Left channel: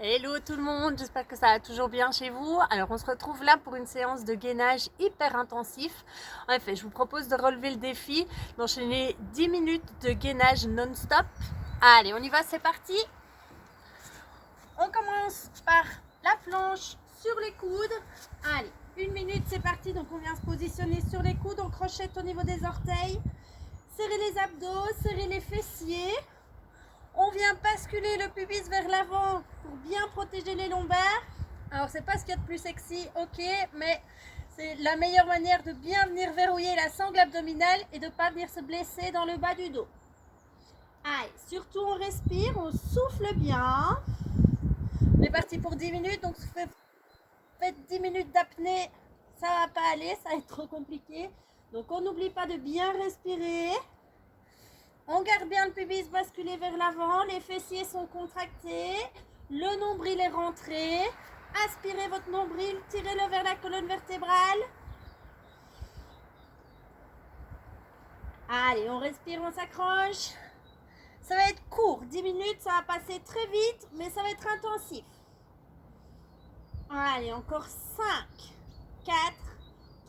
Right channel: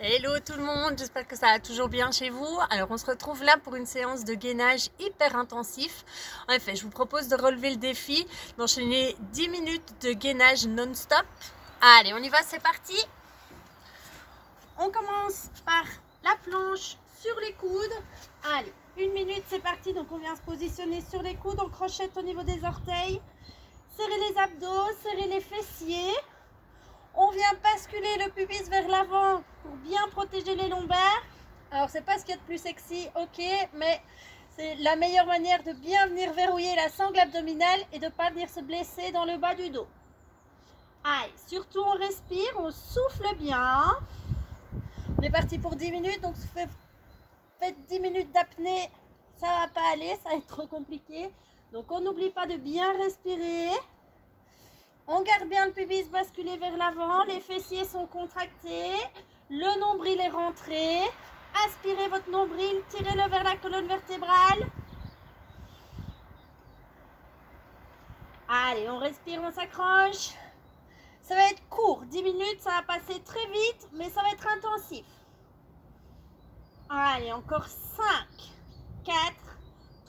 Hello tout le monde, j'espère que ça va toujours bien chez vous. Alors on se retrouve là pour une séance de gainage hyper intensif. En effet, je vous propose de relever le défi, d'enchaîner 10 minutes de gainage non-stop. Allez, on y va, c'est parti. On commence par la planche sur les coudes. Allez, 1 minute, c'est parti. Donc on vient se positionner sur les coudes, on crochette au niveau des orteils. Serrez les abdos, serrez les fessiers. On vient basculer le pubis vers l'avant pour bien protéger les lombaires. Alors c'est pas ce qu'il y a de plus sexy, ok, mais c'est la meilleure manière de bien venir verrouiller la sangle abdominale et de ne pas venir se blesser dans le bas du dos. Allez, surtout on respire, on souffle bien. On est parti pour 10 minutes, donc faites 10 minutes d'apnée, ça va pas aller, ça va être trop compliqué. Donc on n'oublie pas de bien respirer. On garde bien le pubis basculé vers l'avant, les fessiers sont contractés, le nombril est rentré. Aspirez votre nombril, tirez-le vers la colonne vertébrale. Allez, on respire, on s'accroche. Ça va être court, 10 minutes, ça va passer très vite, mais ça va être intensif. Allez, encore 5, 4,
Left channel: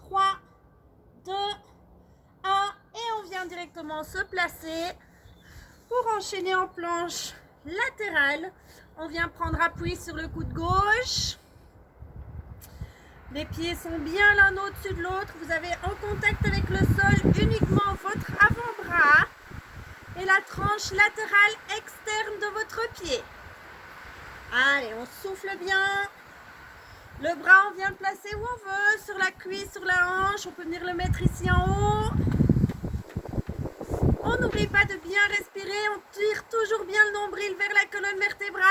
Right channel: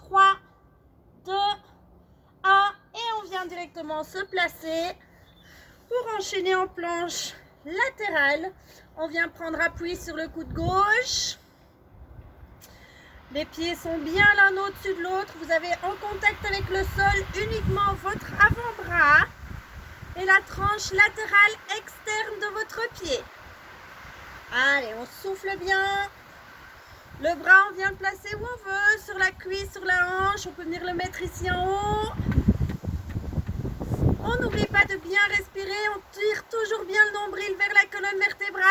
3, 2, 1. Et on vient directement se placer pour enchaîner en planche latérale. On vient prendre appui sur le coude gauche. Les pieds sont bien l'un au-dessus de l'autre. Vous avez en contact avec le sol uniquement votre avant-bras et la tranche latérale externe de votre pied. Allez, on souffle bien. Le bras, on vient le placer où on veut, sur la cuisse, sur la hanche. On peut venir le mettre ici en haut. On n'oublie pas de bien respirer. On tire toujours bien le nombril vers la colonne vertébrale.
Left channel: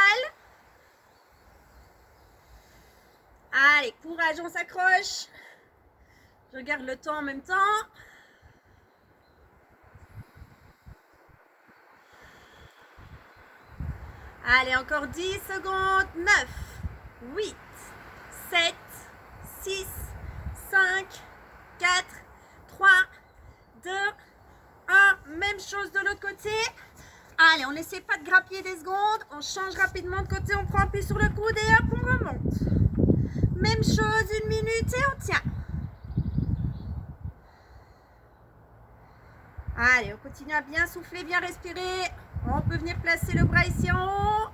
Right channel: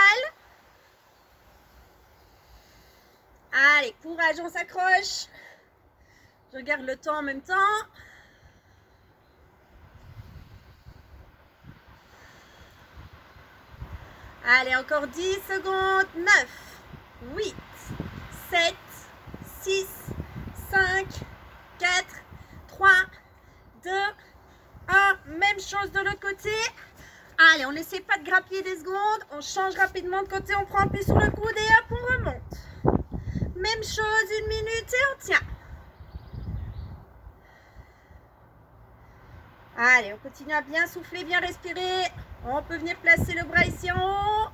Allez, courage, on s'accroche. Je regarde le temps en même temps. Allez, encore 10 secondes. 9, 8, 7, 6, 5, 4, 3, 2, 1. Même chose de l'autre côté. Allez, on n'essaie pas de grappiller des secondes. On change rapidement de côté. On prend appui sur le coude et hop, on remonte. Même chose, 1 minute et on tient. Allez, on continue à bien souffler, bien respirer. On peut venir placer le bras ici en haut.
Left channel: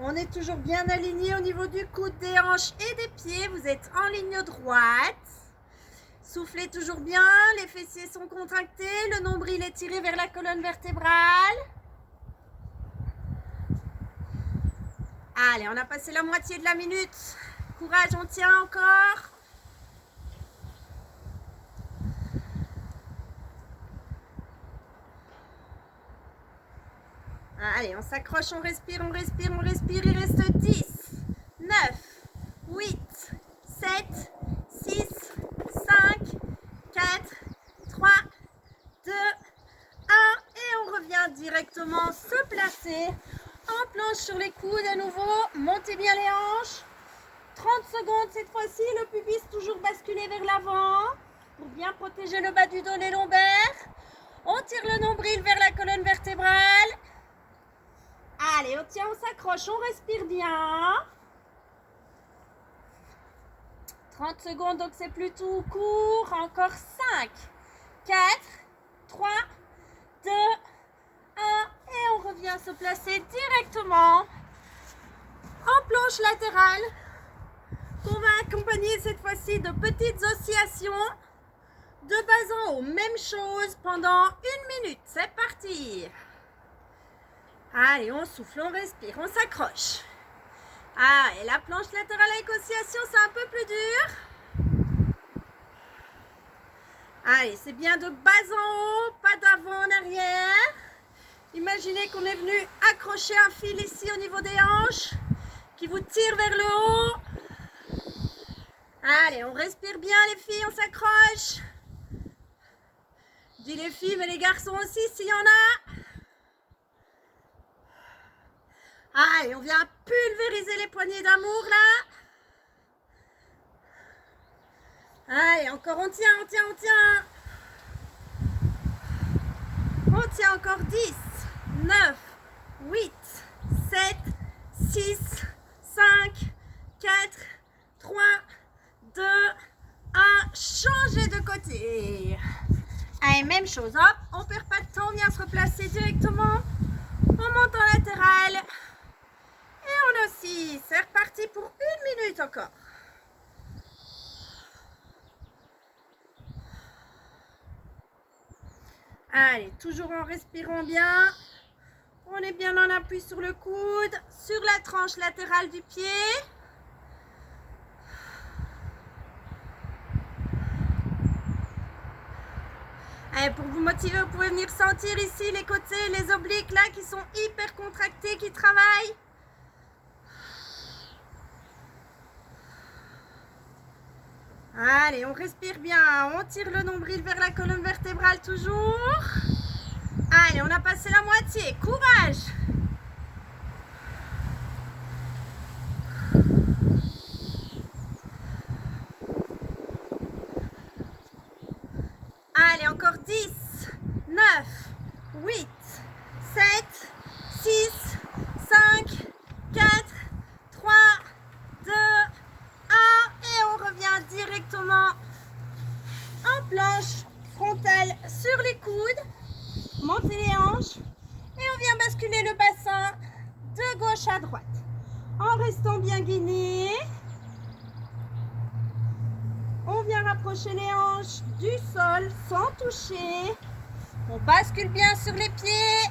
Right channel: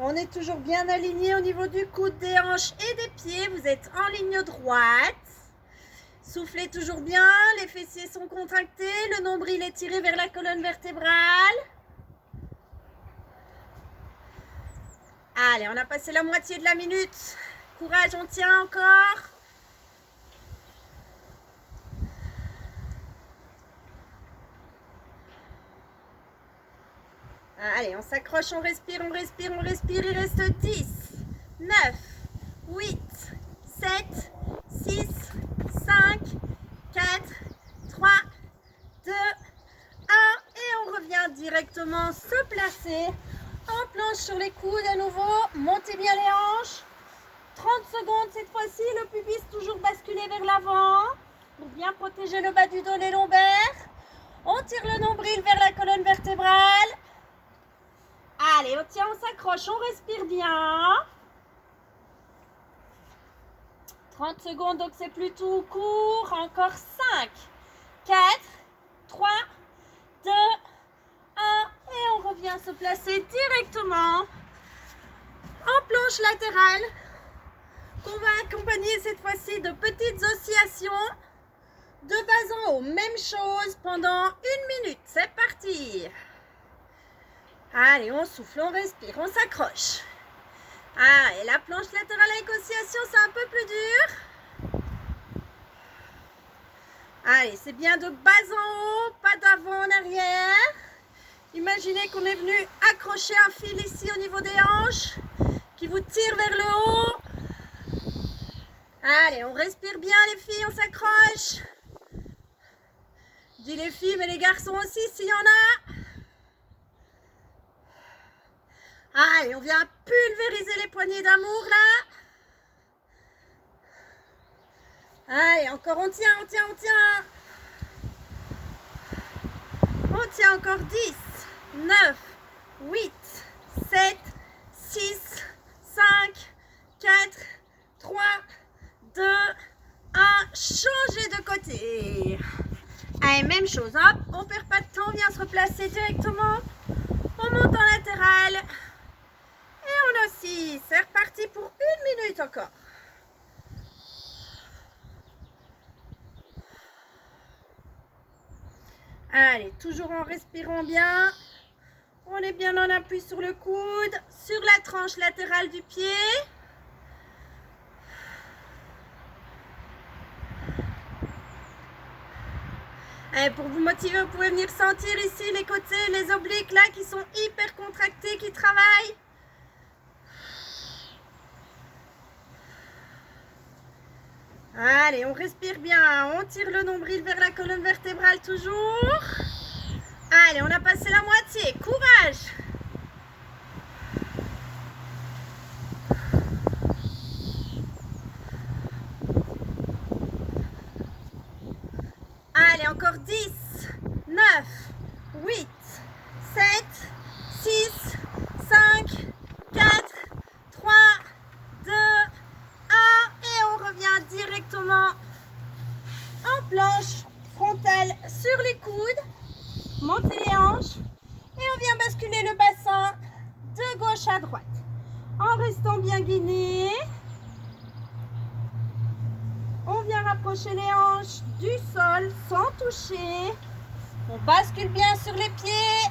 On est toujours bien aligné au niveau du coude, des hanches et des pieds. Vous êtes en ligne droite. Soufflez toujours bien, les fessiers sont contractés, le nombril est tiré vers la colonne vertébrale. Allez, on a passé la moitié de la minute. Courage, on tient encore. Allez, on s'accroche, on respire, on respire, on respire. Il reste 10, 9, 8, 7, 6, 5, 4, 3, 2, 1. Et on revient directement se placer en planche sur les coudes à nouveau. Montez bien les hanches. 30 secondes cette fois-ci. Le pubis toujours basculé vers l'avant pour bien protéger le bas du dos, les lombaires. On tire le nombril vers la colonne vertébrale. Allez, on tient, on s'accroche, on respire bien. 30 secondes, donc c'est plutôt court. Encore 5, 4, 3, 2, 1. Et on revient se placer directement en planche latérale qu'on va accompagner cette fois-ci de petites oscillations de bas en haut. Même chose pendant 1 minute. C'est parti. Allez, on souffle, on respire, on s'accroche. Ah, et la planche latérale avec oscillation, c'est un peu plus dur. Allez, c'est bien de bas en haut, pas d'avant en arrière. Imaginez qu'on est venu accrocher un fil ici au niveau des hanches qui vous tire vers le haut. Allez, on respire bien les filles, on s'accroche. Je dis les filles, mais les garçons aussi s'il y en a. Allez, on vient pulvériser les poignées d'amour là. Allez, encore on tient, on tient, on tient. On tient encore 10, 9, 8, changer de côté. Allez, même chose, hop, on perd pas de temps, on vient se replacer directement. On monte en latéral. Et on oscille. C'est reparti pour 1 minute encore. Allez, toujours en respirant bien. On est bien en appui sur le coude, sur la tranche latérale du pied. Allez, pour vous motiver, vous pouvez venir sentir ici les côtés, les obliques là qui sont hyper contractés, qui travaillent. Allez, on respire bien, on tire le nombril vers la colonne vertébrale toujours. Allez, on a passé la moitié, courage. Allez, encore 10, 9, 8, 7, 6, 5, 4, 3, 2, 1. Et on revient directement en planche frontale sur les coudes. Montez les hanches. Et on vient basculer le bassin de gauche à droite. En restant bien guiné. On vient rapprocher les hanches du sol sans toucher. On bascule bien sur les pieds.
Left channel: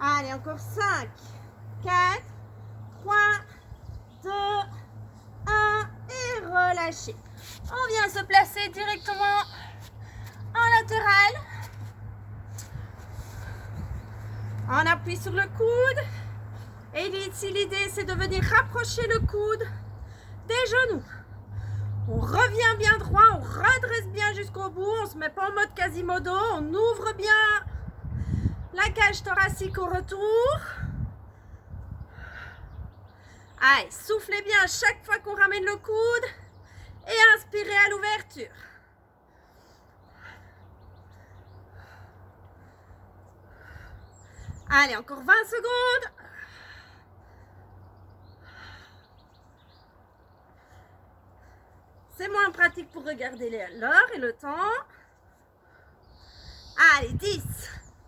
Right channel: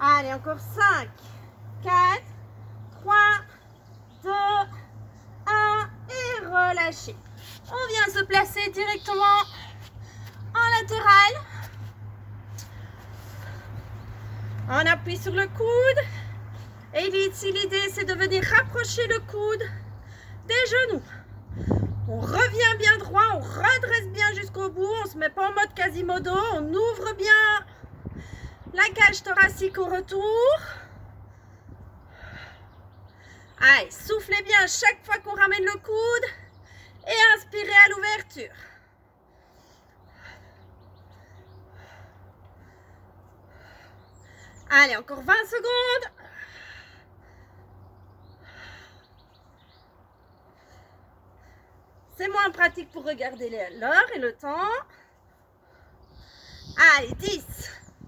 Allez, encore 5, 4, 3, 2, 1 et relâchez. On vient se placer directement en latéral. On appuie sur le coude. Et ici, l'idée, c'est de venir rapprocher le coude des genoux. On revient bien droit, on redresse bien jusqu'au bout. On ne se met pas en mode Quasimodo. On ouvre bien la cage thoracique au retour. Allez, soufflez bien chaque fois qu'on ramène le coude. Et inspirez à l'ouverture. Allez, encore 20 secondes. C'est moins pratique pour regarder l'heure et le temps. Allez, 10,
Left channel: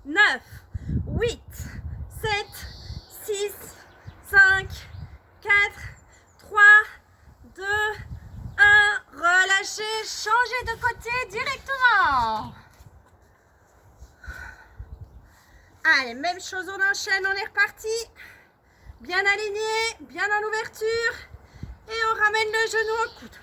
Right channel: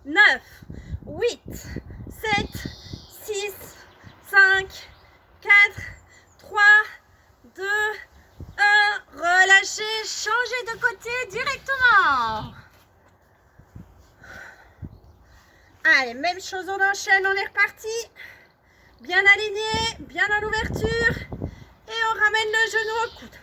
9, 8, 7, 6, 5, 4, 3, 2, 1. Relâchez, changez de côté directement. Allez, même chose, on enchaîne, on est reparti. Bien aligné, bien en ouverture. Et on ramène le genou au coude.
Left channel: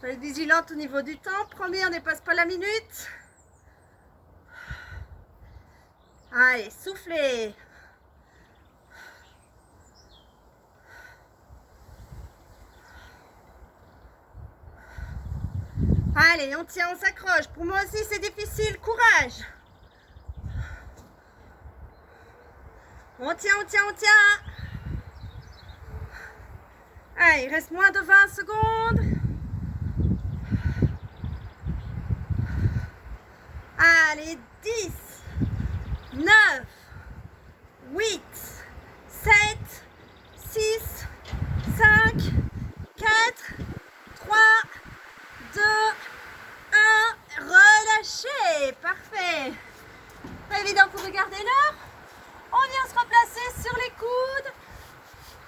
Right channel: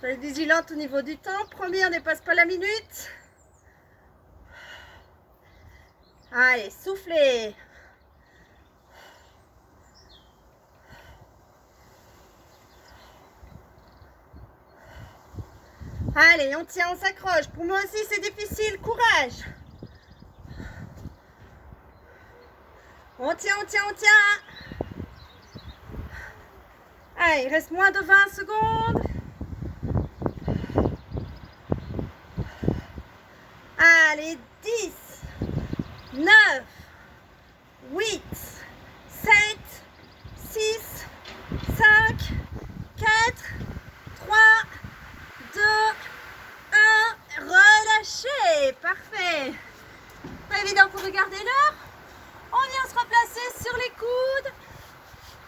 Soyez vigilante au niveau du temps. Promis, on ne dépasse pas la minute. Allez, soufflez. Allez, on tient, on s'accroche. Pour moi aussi, c'est difficile. Courage. On tient, on tient, on tient. Allez, il reste moins de 20 secondes. Allez, 10, 9, 8, 7, 6, 5, 4, 3, 2, 1. Relâchez. Parfait. Pas évident pour regarder l'heure. On vient se replacer sur les coudes.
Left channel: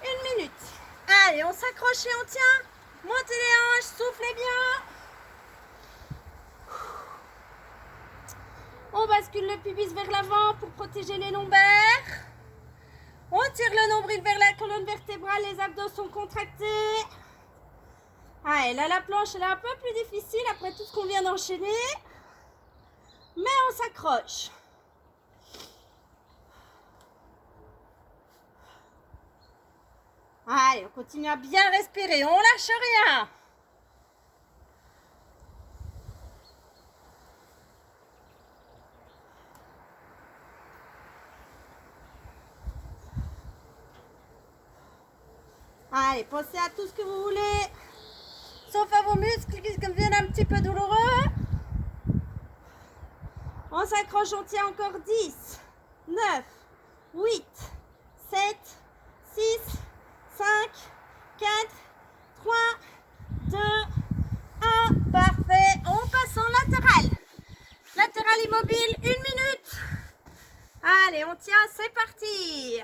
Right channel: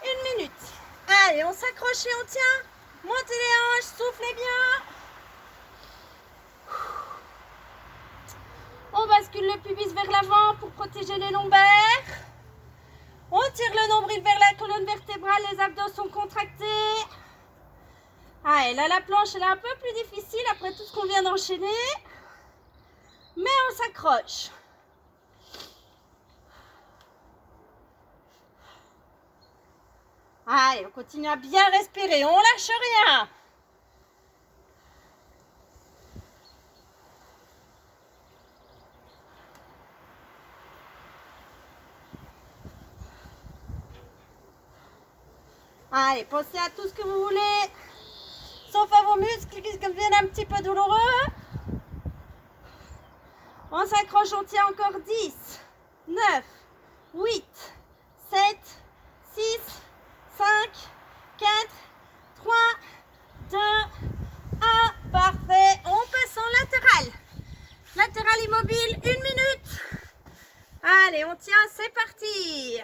1 minute. Allez, on s'accroche et on tient. Montez les hanches, soufflez bien. On bascule le pubis vers l'avant pour protéger les lombaires. On tire le nombril vers la colonne vertébrale, les abdos sont contractés. Allez, là la planche elle est un peu plus difficile après tout ce qu'on vient d'enchaîner. Mais on s'accroche. Allez, on continue à bien respirer, on lâche rien. Allez, pensez à tout ce que vous voulez sauf à vos muscles qui deviennent un petit peu douloureux. On s'accroche, on tient encore 10, 9, 8, 7, 6, 5, 4, 3, 2, 1. Parfait. On passe en latéral. Latéral immobile, 1 minute. Allez, on tient, c'est parti.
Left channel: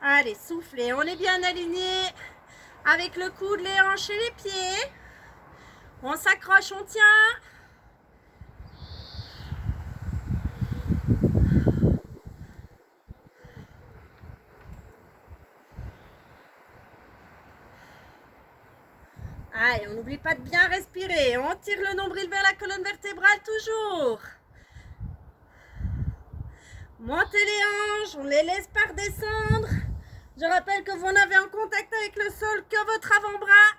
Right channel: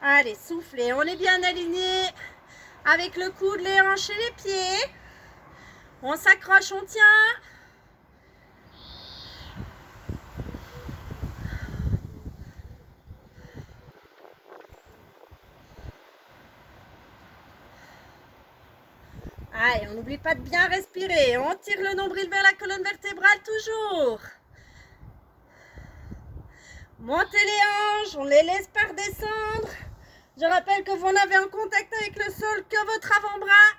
Allez, soufflez. On est bien aligné avec le coude, les hanches et les pieds. On s'accroche, on tient. Allez, on n'oublie pas de bien respirer. On tire le nombril vers la colonne vertébrale toujours. Montez les hanches, on les laisse pas redescendre. Je rappelle que vous n'avez en contact avec le sol que votre avant-bras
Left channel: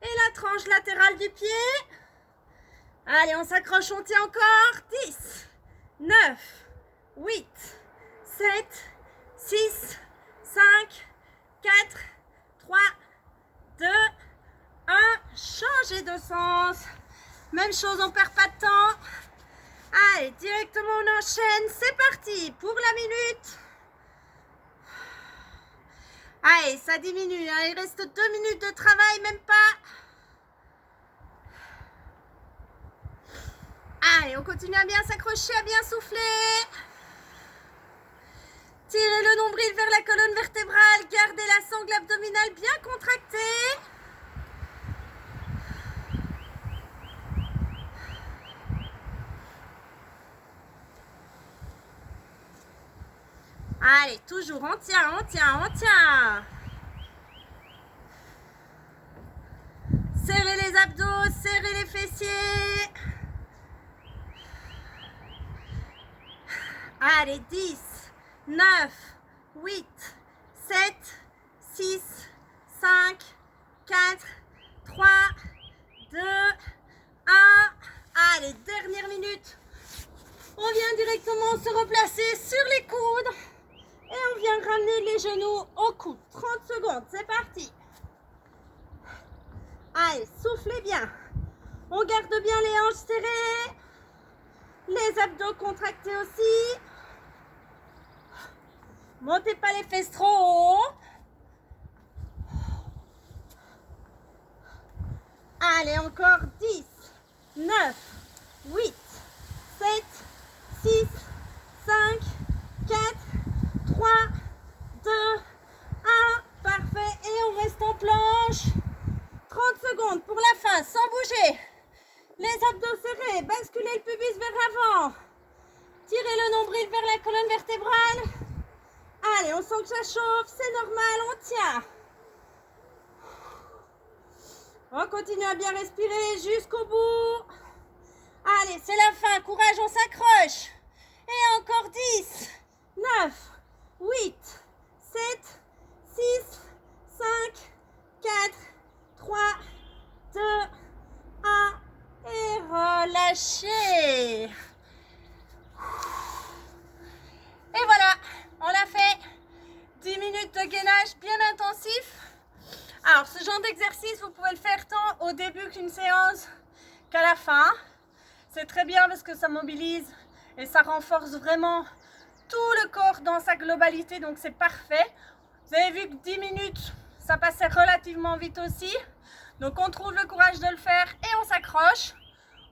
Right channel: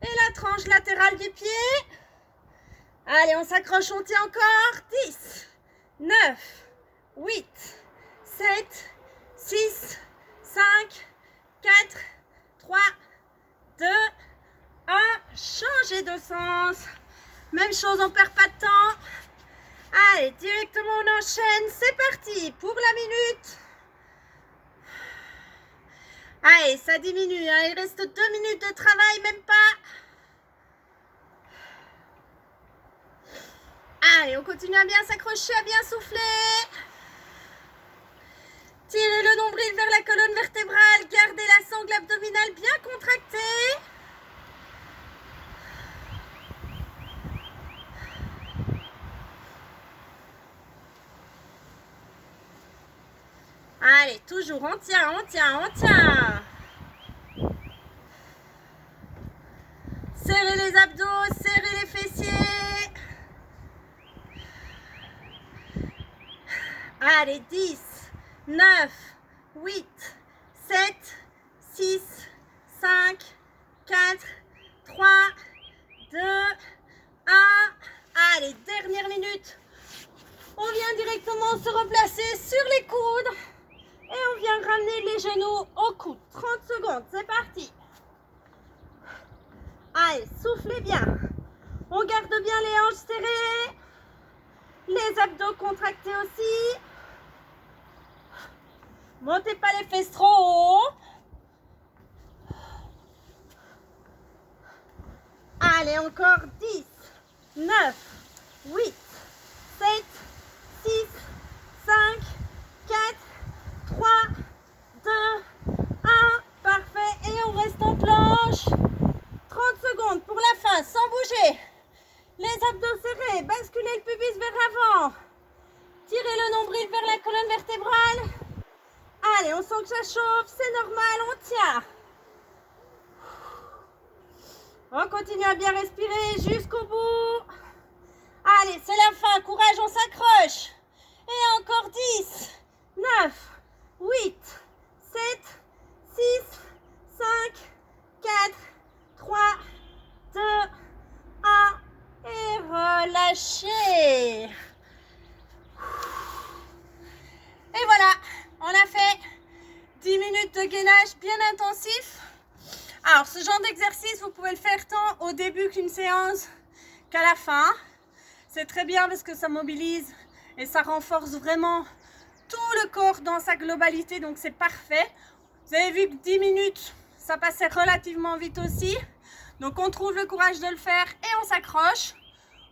et la tranche latérale du pied. Allez, on s'accroche, on tient encore. 10, 9, 8, 7, 6, 5, 4, 3, 2, 1. Changez de sens. Même chose, on ne perd pas de temps. Allez, directement on enchaîne. C'est parti pour la minute. Allez, ça diminue, hein. Il reste 2 minutes de travail, même pas. Allez, on continue à bien s'accrocher, à bien souffler. Tirez le nombril vers la colonne vertébrale. Gardez la sangle abdominale bien contractée. Allez, toujours, on tient, on tient, on tient. Serrez les abdos, serrez les fessiers. Allez, 10, 9, 8, 7, 6, 5, 4, 3, 2, 1. Allez, dernière minute. On vient directement se replacer sur les coudes. Et on vient ramener les genoux au coude. 30 secondes, c'est parti. Allez, soufflez bien. On garde bien les hanches serrées. Les abdos contractés aussi. Montez pas les fesses trop haut. Allez, encore 10, 9, 8, 7, 6, 5, 4, 3, 2, 1. Parfait. Et on reste en planche. 30 secondes pour la fin, sans bouger. Les abdos serrés. Basculez le pubis vers l'avant. Tirez le nombril vers la colonne vertébrale. Allez, on sent que ça chauffe. C'est normal, on tient. On continue à bien respirer jusqu'au bout. Allez, c'est la fin. Courage, on s'accroche. Et encore 10, 9, 8, 7, 6, 5, 4, 3, 2, 1. Et relâchez. Et voilà, on a fait 10 minutes de gainage bien intensif. Alors, ce genre d'exercice, vous pouvez le faire tant au début qu'une séance qu'à la fin. C'est très bien parce que ça mobilise et ça renforce vraiment tout le corps dans sa globalité, donc c'est parfait. Vous avez vu que 10 minutes, ça passait relativement vite aussi. Donc on trouve le courage de le faire et on s'accroche.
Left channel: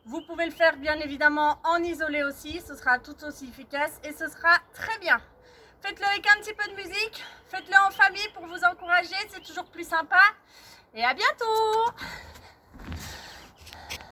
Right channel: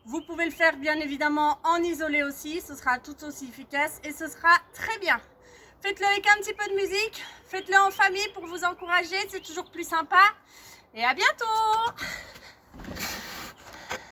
Vous pouvez le faire bien évidemment en isolé aussi, ce sera tout aussi efficace et ce sera très bien. Faites-le avec un petit peu de musique, faites-le en famille pour vous encourager, c'est toujours plus sympa. Et à bientôt!